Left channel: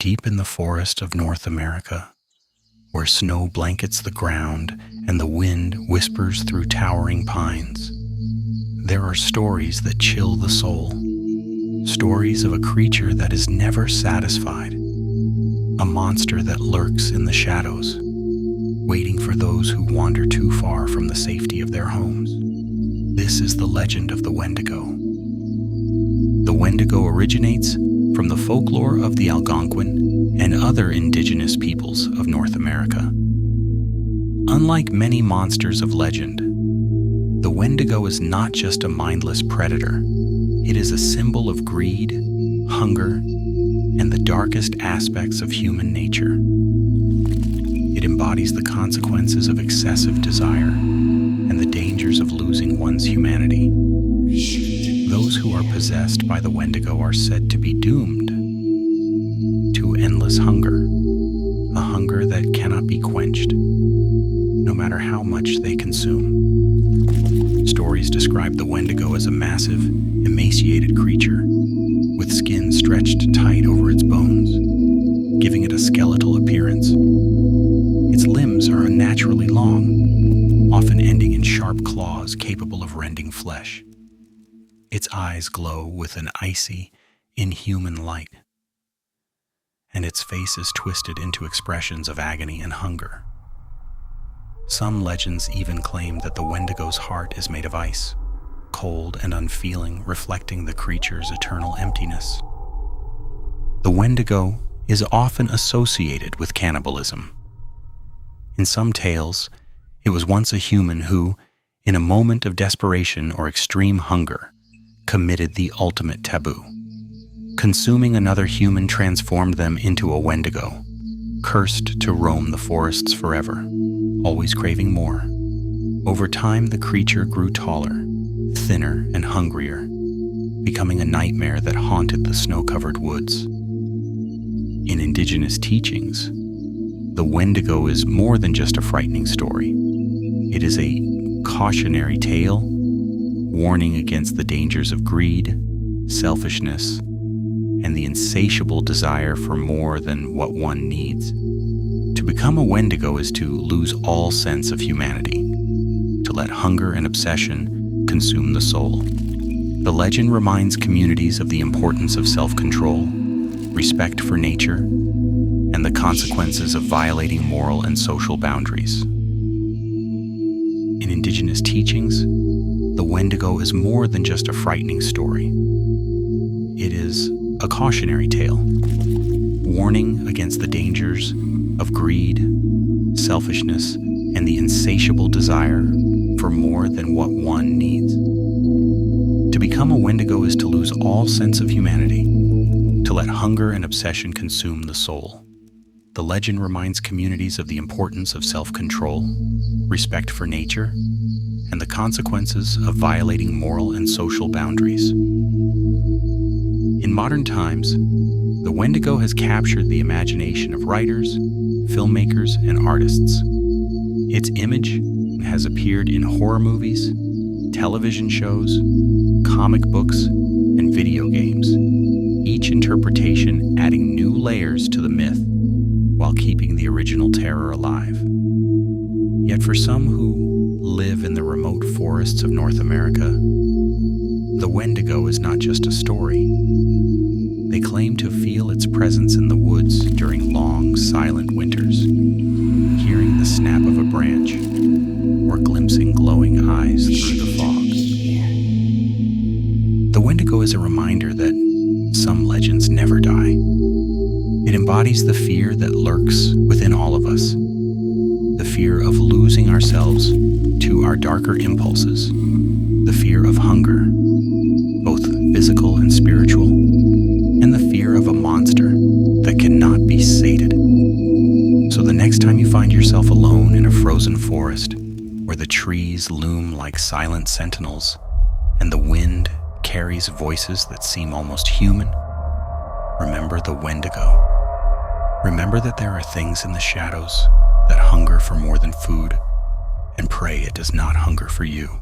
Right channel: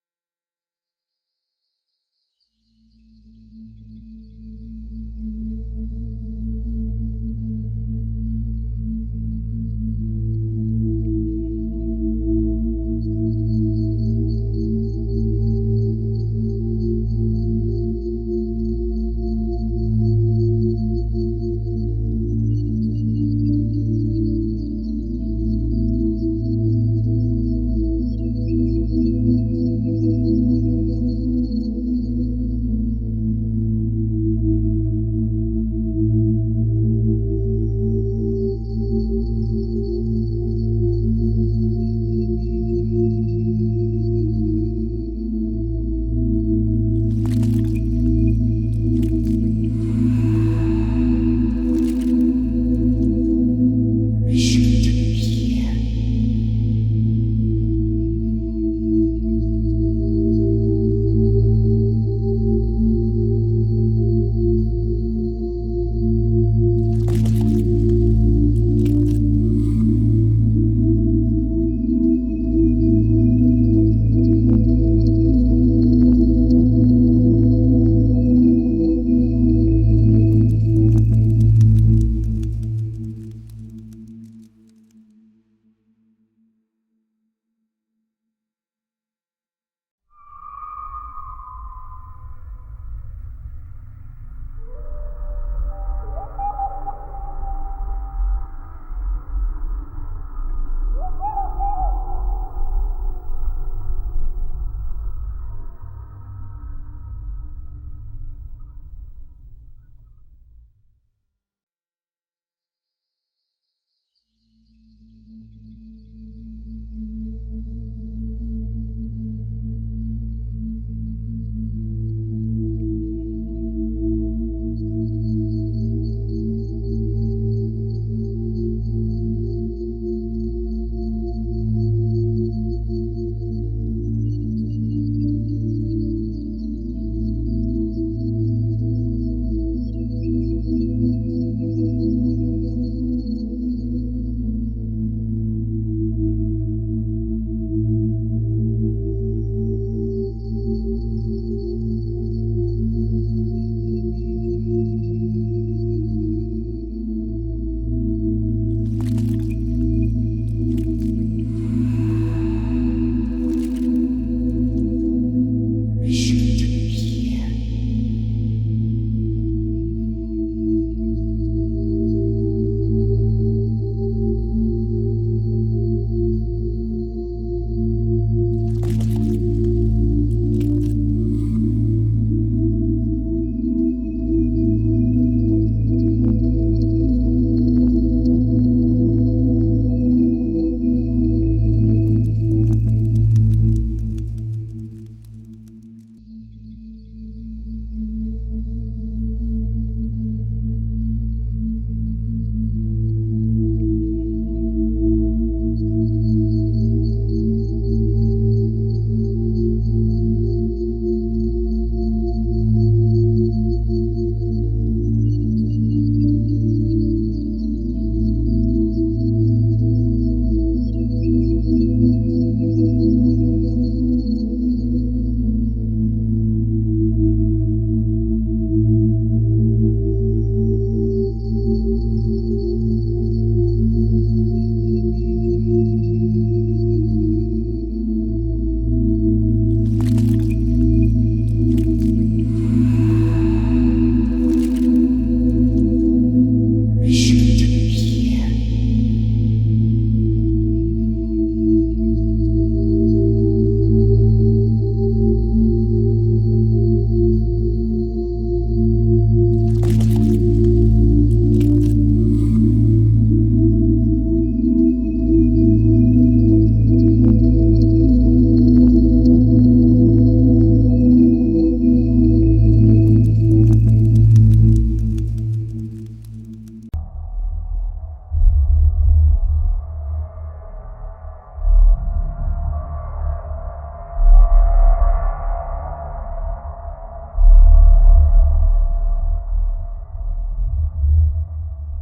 Deep in the forest of North America, where snow blankets the ground and the wind whispers through towering pines, there are stories that chill the soul. Stories of a creature that is never satisfied, a monster that lurks in the shadows, waiting for those who wander too far from the safety of their homes. This is the legend of the Wendigo. The Wendigo originates from the folklore of the Algonquin and other indigenous peoples of North America. Unlike many monsters of legend, the Wendigo is not just a mindless predator. It is a symbol of greed, hunger, and the darkest aspects of human nature. It embodies the consequences of excessive desire and the dangers of losing one's humanity. Those who are possessed by the Wendigo are said to be doomed to endless hunger, a hunger that cannot be quenched, no matter how much they consume. Stories describe the Wendigo as a massive, emaciated creature with skin stretched tight over its bones, giving it a skeletal appearance. Its limbs are unnaturally long, often ending in sharp claws capable of rending flesh. Its eyes glow with an icy, inhuman light, and its face is twisted into expressions of agony and hunger. Some legends even claim that the Wendigo's heart is made of ice, cold and unfeeling, reflecting the creature's eternal emptiness. The Wendigo is often associated with cannibalism. In some tales, it was once a human who, in a moment of desperation or extreme hunger, committed the ultimate taboo. Consuming another human transformed them into a Wendigo, cursed to roam the forests forever, always craving more. Over time, the creature grew taller, thinner, and hungrier, becoming a nightmare that haunted the snow-covered woods. In indigenous teachings, the Wendigo is more than just a frightening story. It is a cautionary tale, warning against the dangers of greed, selfishness, and the insatiable desire for more than what one needs. To become a Wendigo is to lose all sense of humanity, to let hunger and obsession consume the soul. The legend reminds communities of the importance of self-control, respect for nature, and the consequences of violating moral and social boundaries. In indigenous teachings, the Wendigo is more than just a frightening story. It is a cautionary tale, warning against the dangers of greed, selfishness, and the insatiable desire for more than what one needs. To become a Wendigo is to lose all sense of humanity, to let hunger and obsession consume the soul. The legend reminds communities of the importance of self-control, respect for nature, and the consequences of violating moral and social boundaries. In modern times, the Wendigo has captured the imagination of writers, filmmakers, and artists. Its image has appeared in horror movies, television shows, comic books, and video games, each interpretation adding new layers to the myth while keeping the original terror alive. Yet for some who live in the remote forests of North America, the Wendigo is not just a story. They claim to feel its presence in the woods during long, silent winters, hearing the snap of a branch or glimpsing glowing eyes through the fog. The Wendigo is a reminder that some legends never die. It embodies the fear that lurks within all of us, the fear of losing ourselves to our darker impulses, the fear of hunger, both physical and spiritual, and the fear of a monster that cannot be sated. So the next time you find yourself alone in a frozen forest, where the trees loom like silent sentinels, and the wind carries voices that seem almost human, remember the Wendigo. Remember that there are things in the shadows that hunger for more than food, and pray it does not hunger for you.